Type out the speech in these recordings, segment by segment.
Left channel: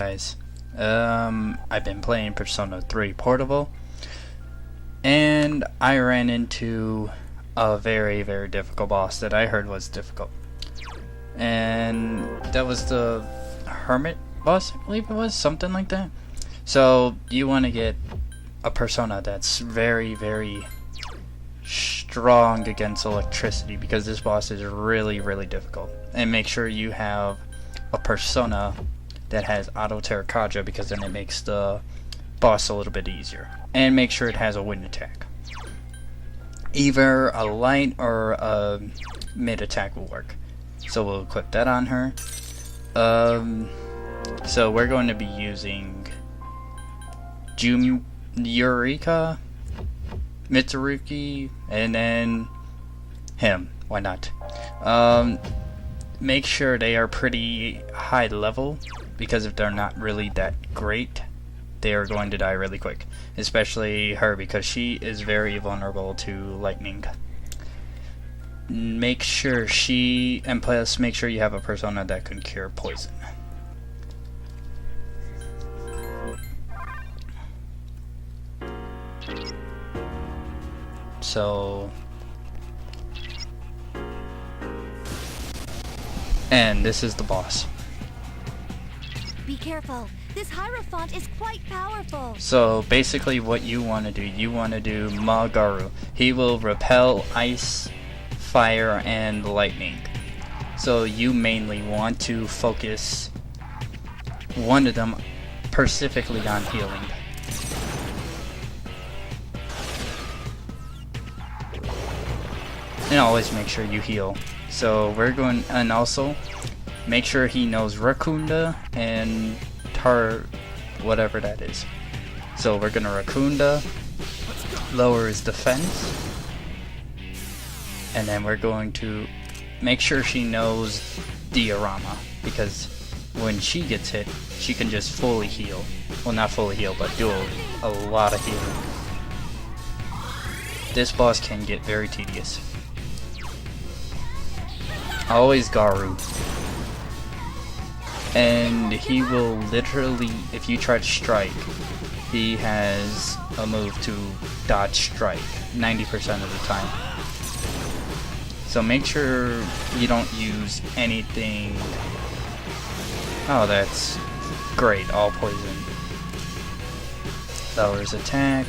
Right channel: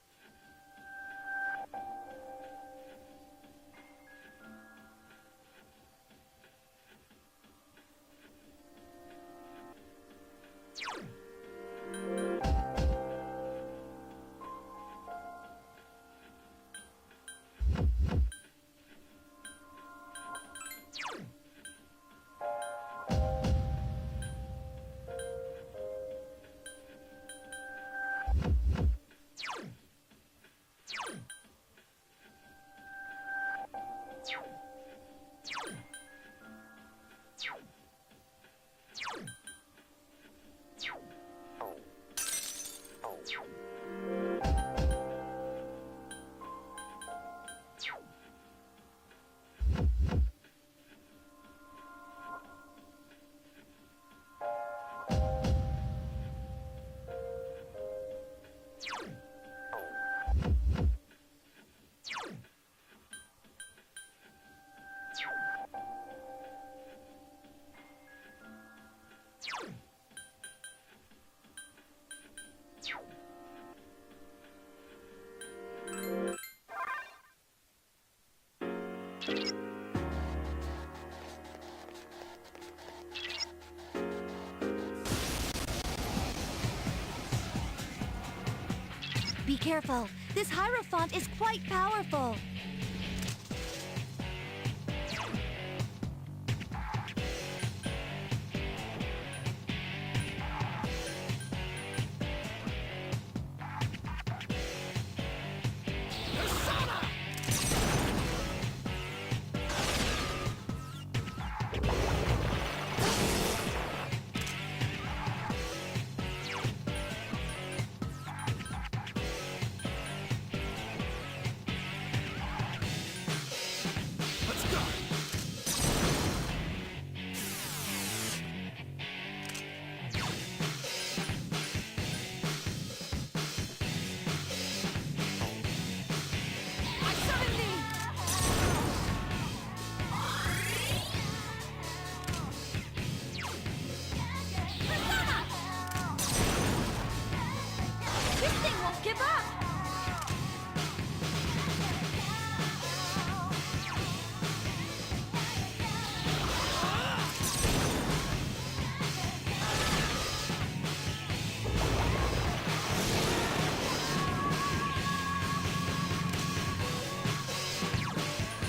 guys. I've been playing Persona 3 Portable, and I ran into a very, very difficult boss that I heard was difficult. And that was the Hermit boss, I believe it was, something like that. So you want to get a Persona that's very, very strong against electricity, because this boss is really, really difficult. And make sure you have a Persona that has Auto Terracotta, because then it makes the boss a little bit easier. And make sure it has a wind attack. Either a light or a mid attack will work. So we'll equip that on her. So we're going to be using Eureka, Mitsuruki, and then him. Why not? Make sure they are pretty high level, because if they're not really that great, they are going to die really quick. Especially her, because she is very vulnerable to lightning. Make sure and plus make sure you have a Persona that can cure poison. So, and this is the boss. Be careful. This Hierophant is quite powerful. So basically what you want to do Magaru. He will repel ice, fire, and lightning. So you mainly want to focus one of them specifically on healing. And always make sure you heal. So we're going, and also make sure he knows Rakunda and whatever that is. So we're gonna Rakunda, lower his defense, and then we're going to make sure she knows Diorama, because when she gets hit, she can just fully heal. Well, not fully heal, but do a lot of healing. This boss can get very tedious. Always Garu. And he will literally, if you try to strike, he has a move to dodge strike 90% of the time. So make sure you don't use anything. Oh, that's great, all poison. Lowers attack.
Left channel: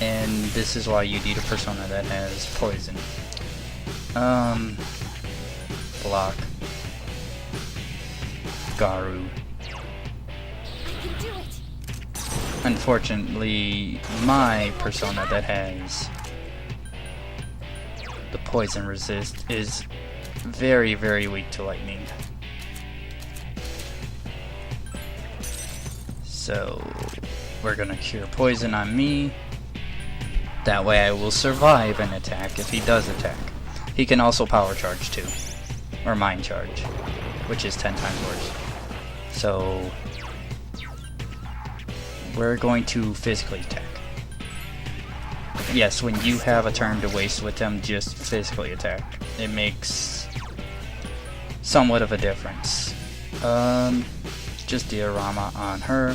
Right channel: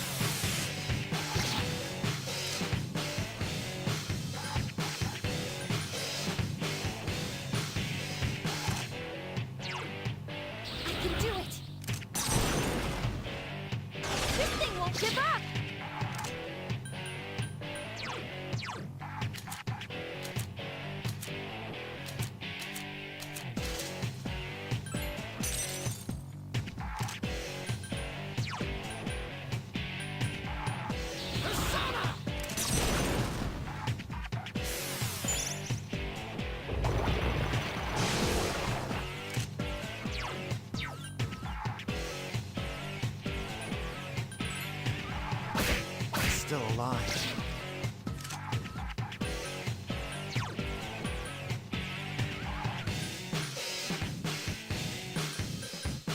And this is why you need a Persona that has poison. Block. Garu. I can do it. Unfortunately, my Persona that has the poison resist is very, very weak to lightning. So we're gonna cure poison on me. That way I will survive an attack if he does attack. He can also power charge too. Or mind charge, which is 10 times worse. So we're going to physically attack. Yes, when you have a turn to waste with them, just physically attack. It makes somewhat of a difference. Just Diorama on her.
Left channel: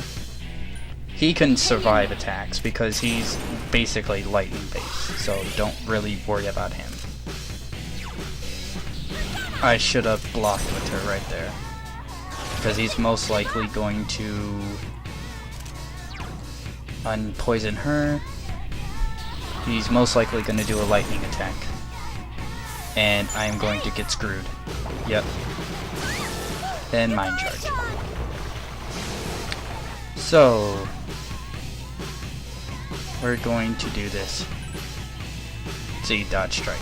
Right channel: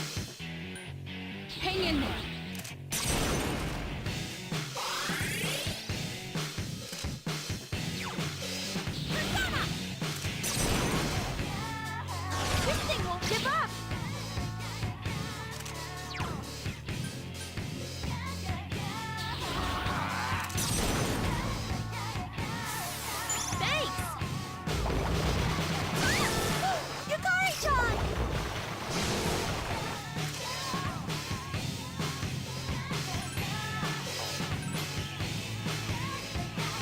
He can survive attacks because he's basically lightning based, so don't really worry about him. I should have blocked her right there, because he's most likely going to unpoison her. He's most likely going to do a lightning attack, and I'm going to get screwed. Yep. Then mind charge. So we're going to do this. See, dodge strike,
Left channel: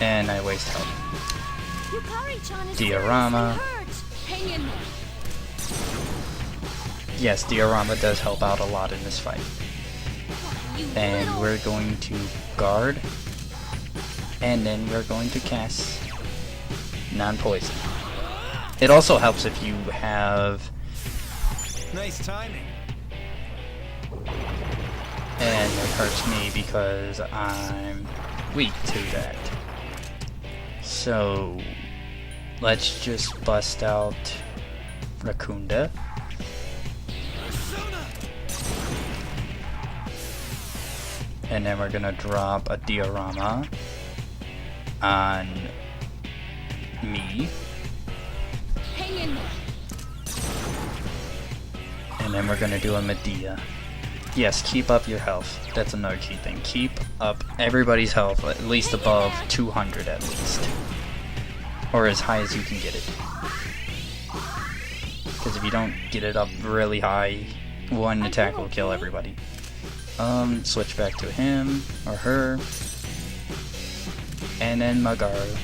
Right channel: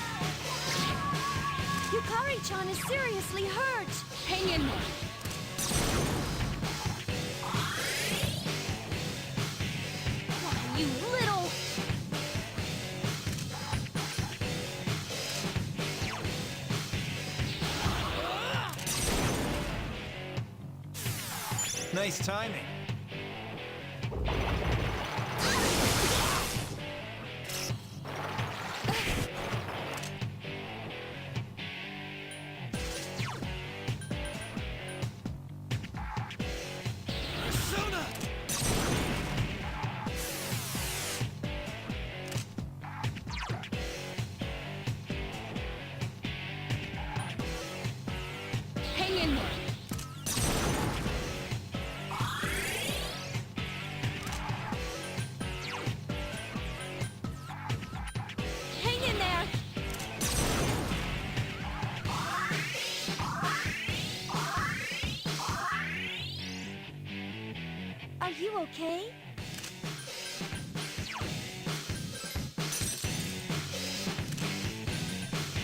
and I waste health. Yukari-chan is Diorama. seriously hurt. Hang in there. Yes, Diorama does help out a lot in this fight. You And little... we're going to guard, and then we're going to cast non-poison. It also helps if you have... Nice timing. And it hurts me because I'm weak to that. So let's just bust out Rakunda. And then we're gonna drop a diorama on me. Hang in there. And then we're gonna do a Medea. Yes, keep up your health. That's another key thing. Keep up everybody's health at least above 200 at least. Or as high as you can get it. Because if you don't get it up really high, one attack will kill everybody. Switch back to him or her. And then Magaru.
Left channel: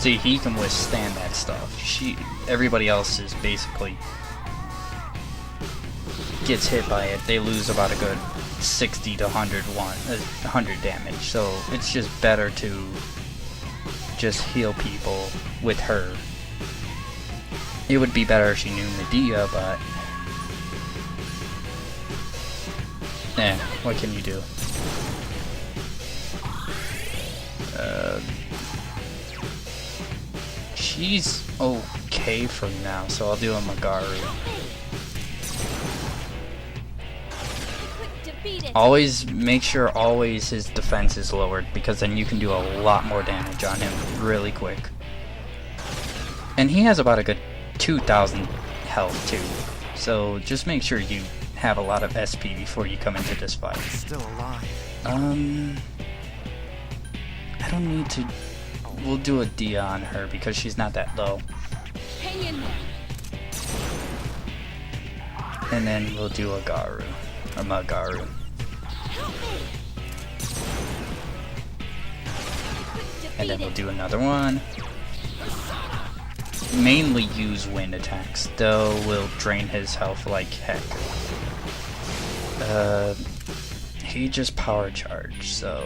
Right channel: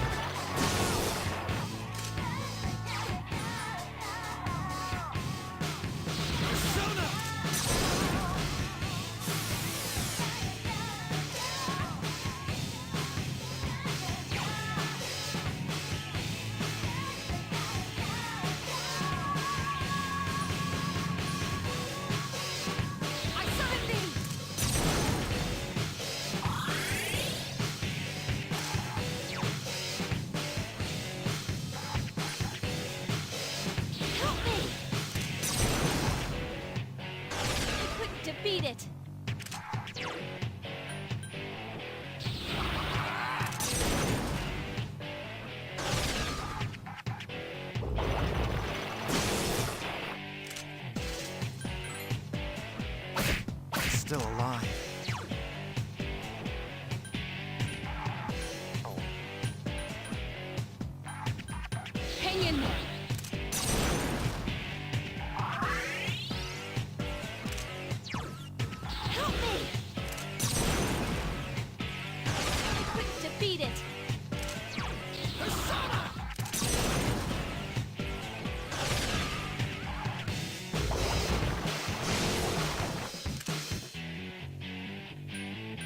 See, he can withstand that stuff. Everybody else is basically gets hit by it. They lose about a good 60 to 100 damage. So it's just better to just heal people with her. It would be better if she knew Medea, but man, what can you do? She's okay for now, so I'll do a Magaru. Always make sure his defense is lowered, because then you can do a lot more damage on him really quick. And he has about a good 2,000 health too, so just make sure you have a lot of SP before you come into this fight. Still alive. I don't need to. We'll do a Dia on her because she's not that low. Hang in there. And then we'll do a Magaru. Help me. And then we'll do another one. Mainly use wind attacks, though will drain his health like heck. He just power charged, so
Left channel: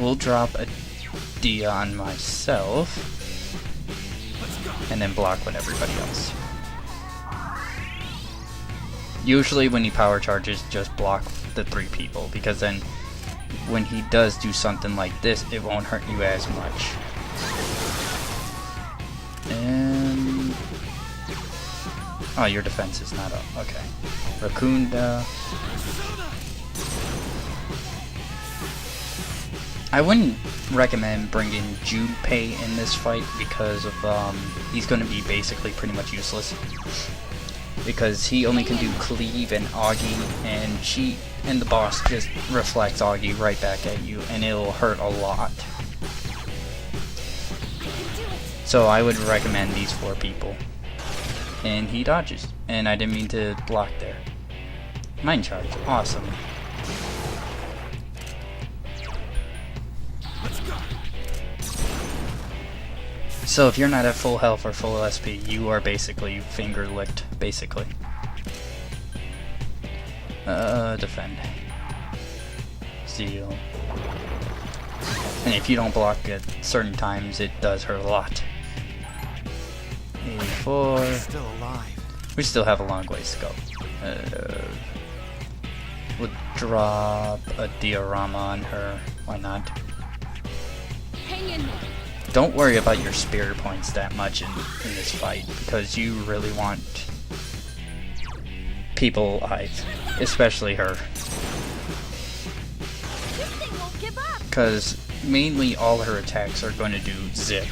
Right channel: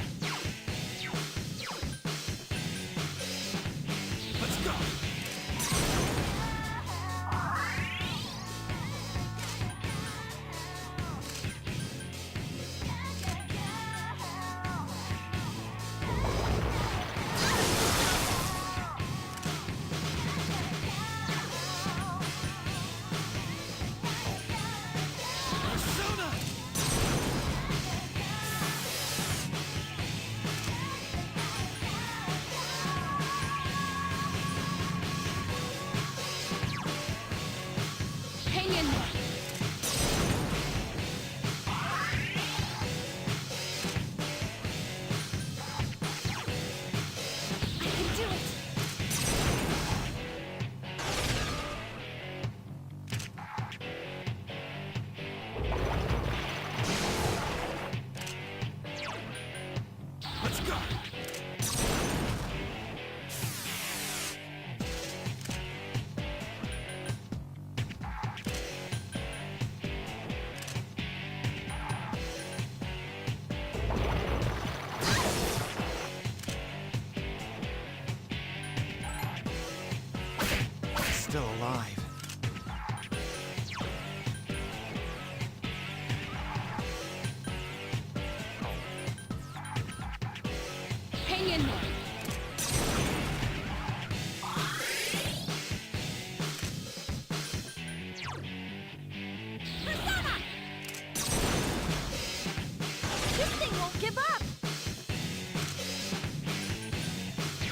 we'll drop a Dia on myself, and then block when everybody else. Usually when he power charges, just block the 3 people, because then when he does do something like this, it won't hurt you as much. And oh, your defense is not up. Okay. Rakunda. I wouldn't recommend bringing Junpei in this fight because of he's going to be basically pretty much useless. Because he only can do cleave and Augie, and the boss just reflects Augie right back at you, and it'll hurt a lot. So I would recommend these 4 people. And he dodges. And I didn't mean to block there. Mind charge. Awesome. Let's go. So if you're not at full health or full SP, you are basically finger licked, basically. Defend. Steal. And if you don't block at certain times, it does hurt a lot. 84. Still alive. We still have a long ways to go. We'll drop a diorama on her. Why not? Hang in there. Don't worry about your spirit points that much in this fight, because you really want people alive, especially her. This thing won't give up. Because mainly all her attacks are going to do zip.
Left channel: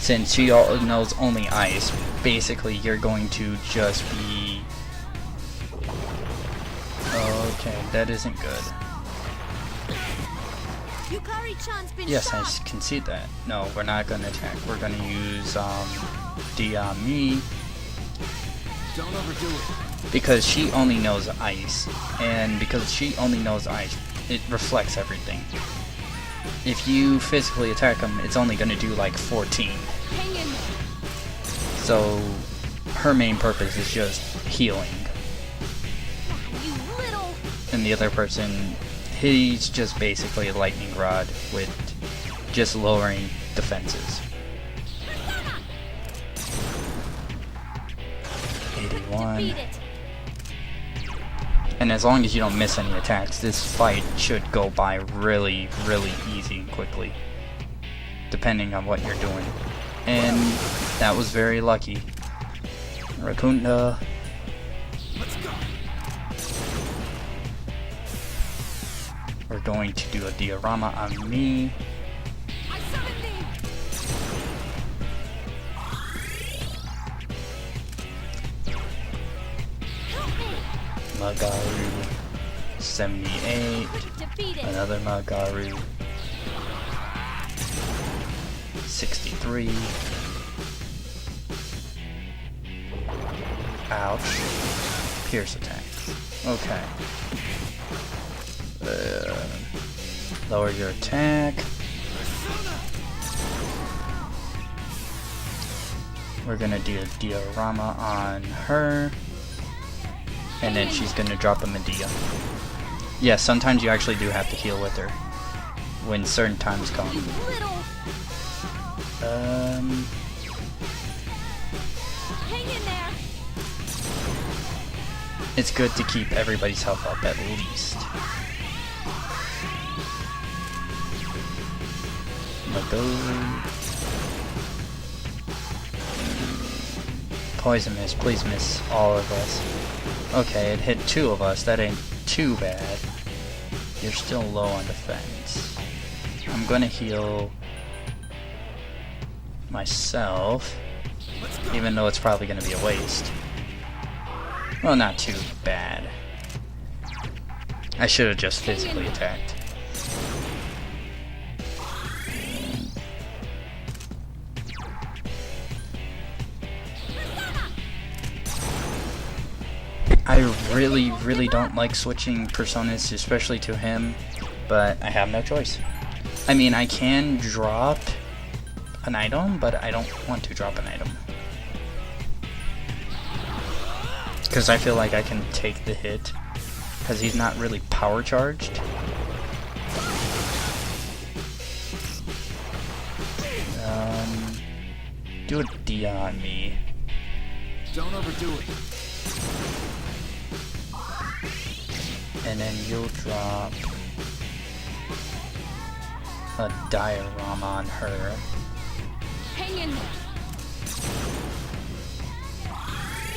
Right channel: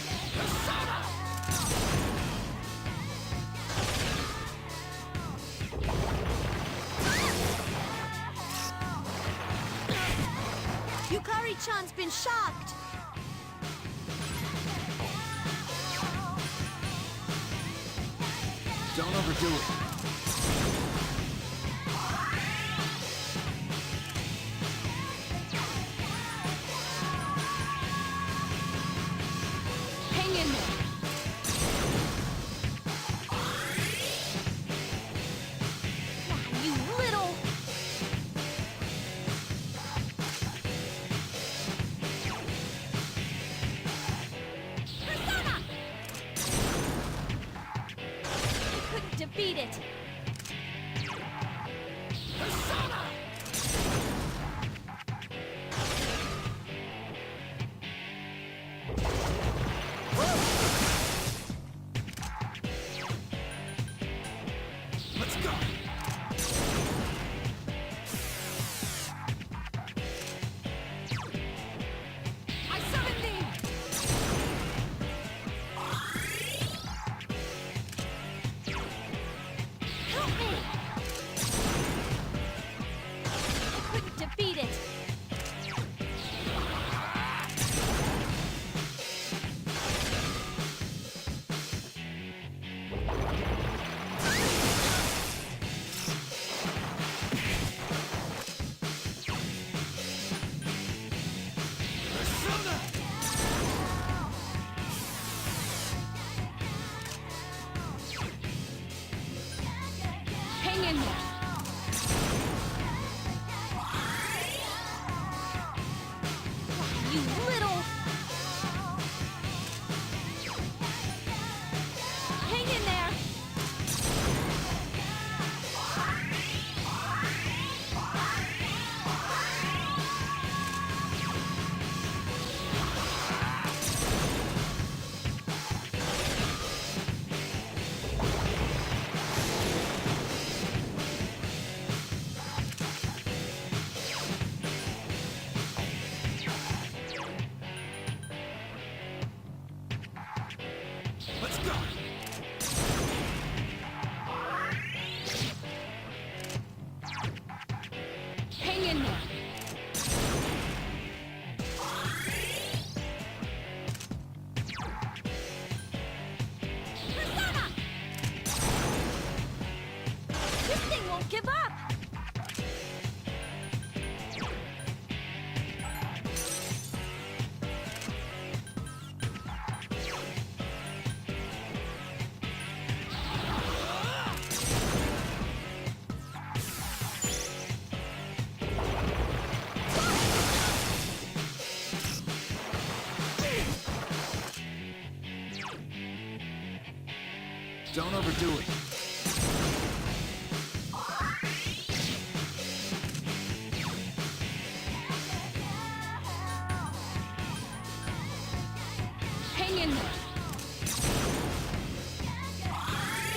Since she knows only ice, basically you're going to just be... Okay, that isn't good. Yukari-chan's been Yes, I shot. can see that. No, we're not going to attack. We're going to use Diami. Don't overdo it. Because she only knows ice. And because she only knows ice, it reflects everything. If you physically attack him, it's only going to do like 14. Hang in there. So her main purpose is just healing. You little. And the other person, he's just basically a lightning rod with just lowering defenses. Defeat it. And as long as you don't miss any attacks, this fight should go by really, really easy and quickly. Depending on what you're doing. And that was very lucky. Rakunda. Let's go. We're going to do a diorama on me. I summon thee. Help me. Magaru. 78. Defeated. Another Magaru. 63. Ouch. Pierce attack. Okay. Lower your attack. We're gonna do a diorama on her. And then she's gonna drop a Medea. Yeah, sometimes you actually do have to heal with her. When certain times come. You little. Hang in there. It's good to keep everybody's health up at least. Poison miss, please miss all of us. Okay, it hit 2 of us, that ain't too bad. You're still low on defense. I'm gonna heal myself, even though it's probably gonna be a waste. Well, not too bad. I should have just physically attacked. I really don't like switching personas, especially to him, but I have no choice. I mean, I can drop an item, but I don't want to drop an item. Because I feel like I can take the hit, because he's not really power charged. Do a D on me. Don't overdo it. And then you'll drop a diorama on her. Hang in there.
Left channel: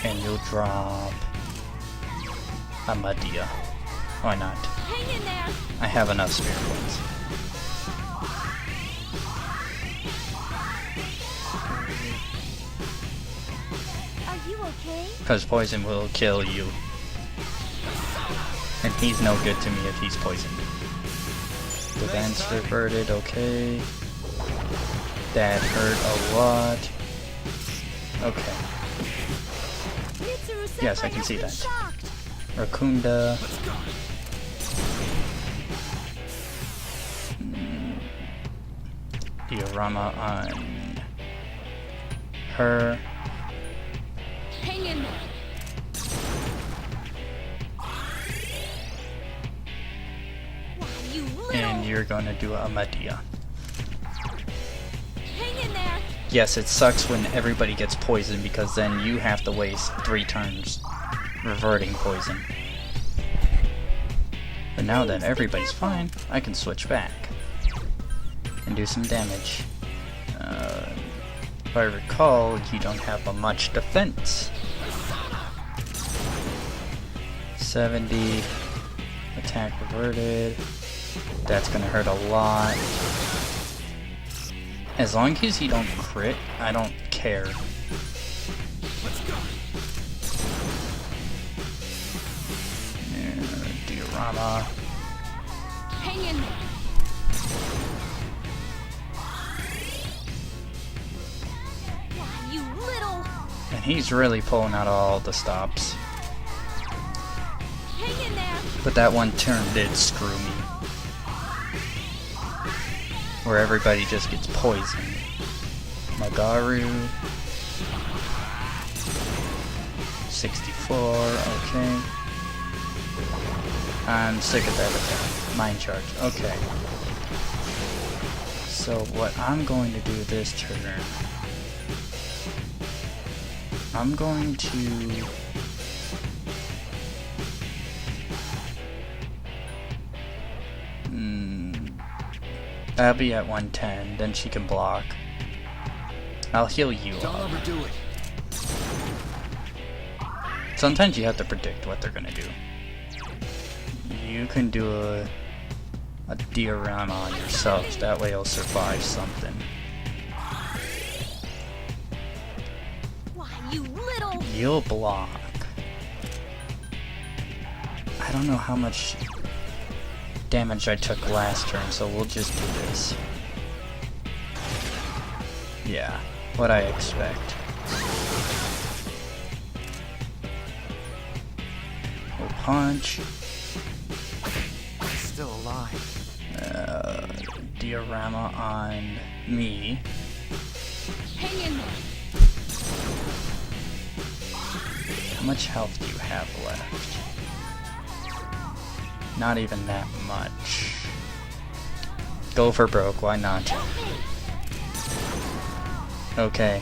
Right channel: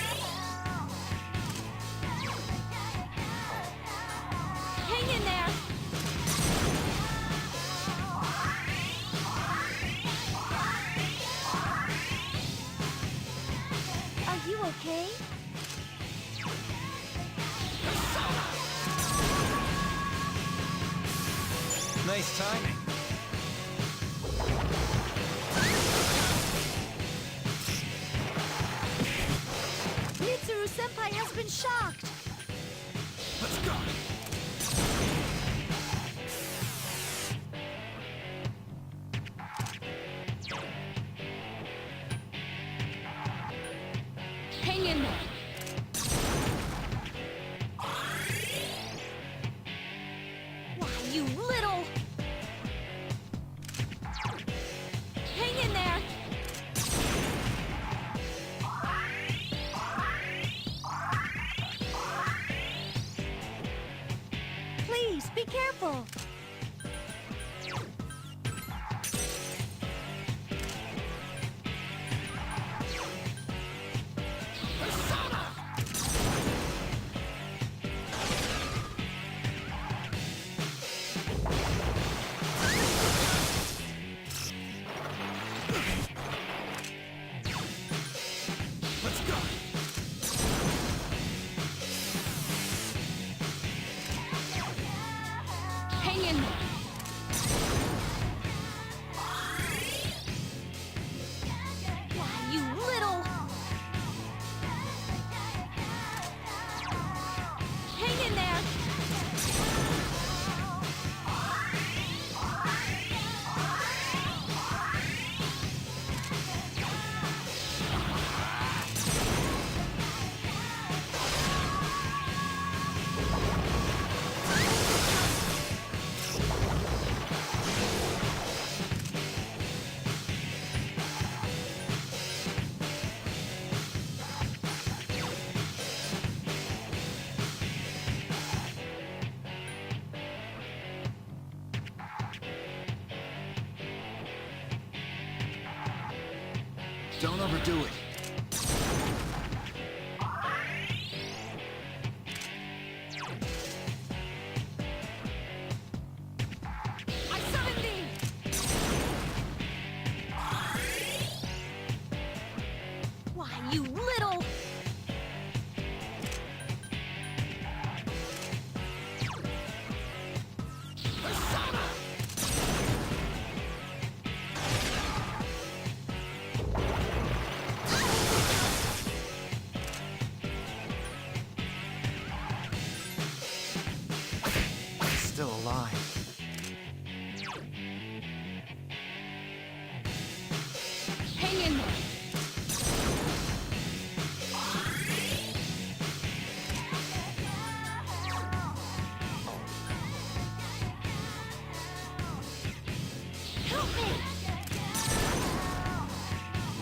And you'll drop a Medea. Why not? Hang in there. I have enough spirits. Are you okay? Because poison will kill you. And he's no good to me if he's poisoned. Nice Defense timing. reverted, okay. That hurt a lot. Okay. Mitsuru Senpai Yes, I can has see been that. shocked. Rakunda. Let's go. Diorama on her. Hang in there. Why, you little. And you're gonna do a Medea. Hang in there. Yes, it sucks when everybody gets poisoned because then you have to waste 3 turns reverting poison. But now that Please, be everybody's careful. fine, I can switch back and do some damage. If I recall, you don't have a much defense. 70 attack reverted. That's gonna hurt a lot. As long as you don't crit, I don't care. Let's go. Diorama. Hang in there. Why, you little. And he's really pulling out all the stops. Hang in there. But that one turn did screw me. Where everybody just gets poisoned. Magaru. 64, okay. I'm sick of that. Mind charge, okay. So what I'm going to do this turn, I'm going to I'll be at 110, then she can block. I'll heal you. Don't overdo it. Sometimes you have to predict what they're gonna do. You can do a diorama on yourself, that way you'll survive something. Why, you little... You'll block. I don't know how much damage I took last turn, so we'll just do this. Yeah, what I expect. We'll punch. Still alive. Diorama on me. Hang in there. How much health do you have left? Not even that much. Go for broke, why not? Okay.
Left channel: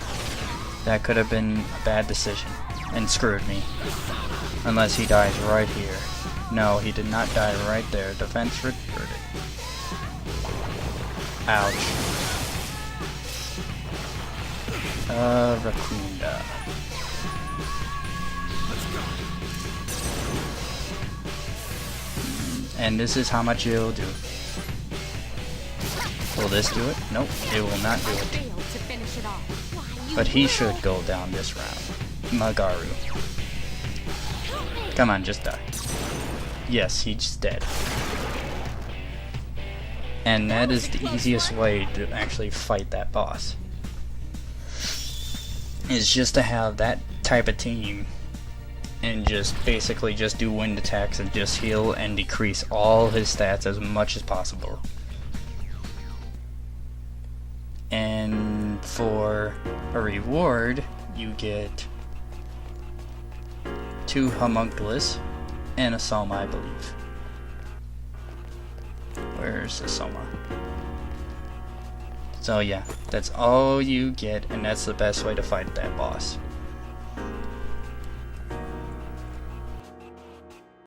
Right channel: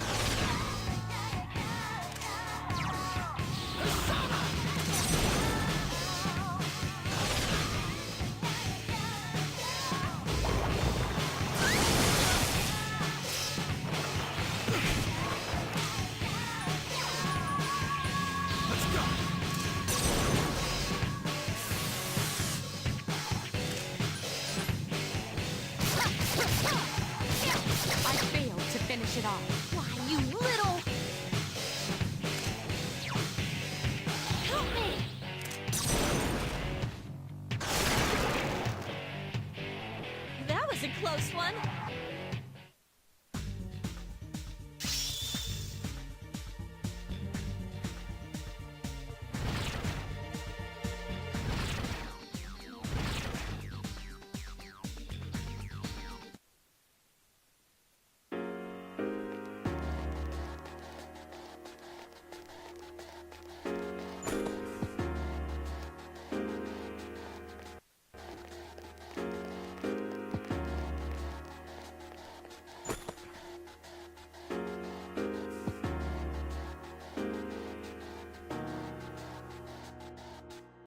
That could have been a bad decision. And screwed me. Unless he died right here. No, he did not die right there. Defense reverted. Ouch. Rakunda. Let's go. And this is how much it'll do. Will this do it? Nope, it will not I do it. failed to finish it off. Why, you But he little... should go down this round. Magaru. Help me. Come on, just die. Yes, he's dead. And that was is a the close easiest one. way to actually fight that boss. Is just to have that type of team and just basically just do wind attacks and just heal and decrease all his stats as much as possible. And for a reward, you get 2 homunculus and a soma, I believe. Where's the soma? So yeah, that's all you get, and that's the best way to fight that boss.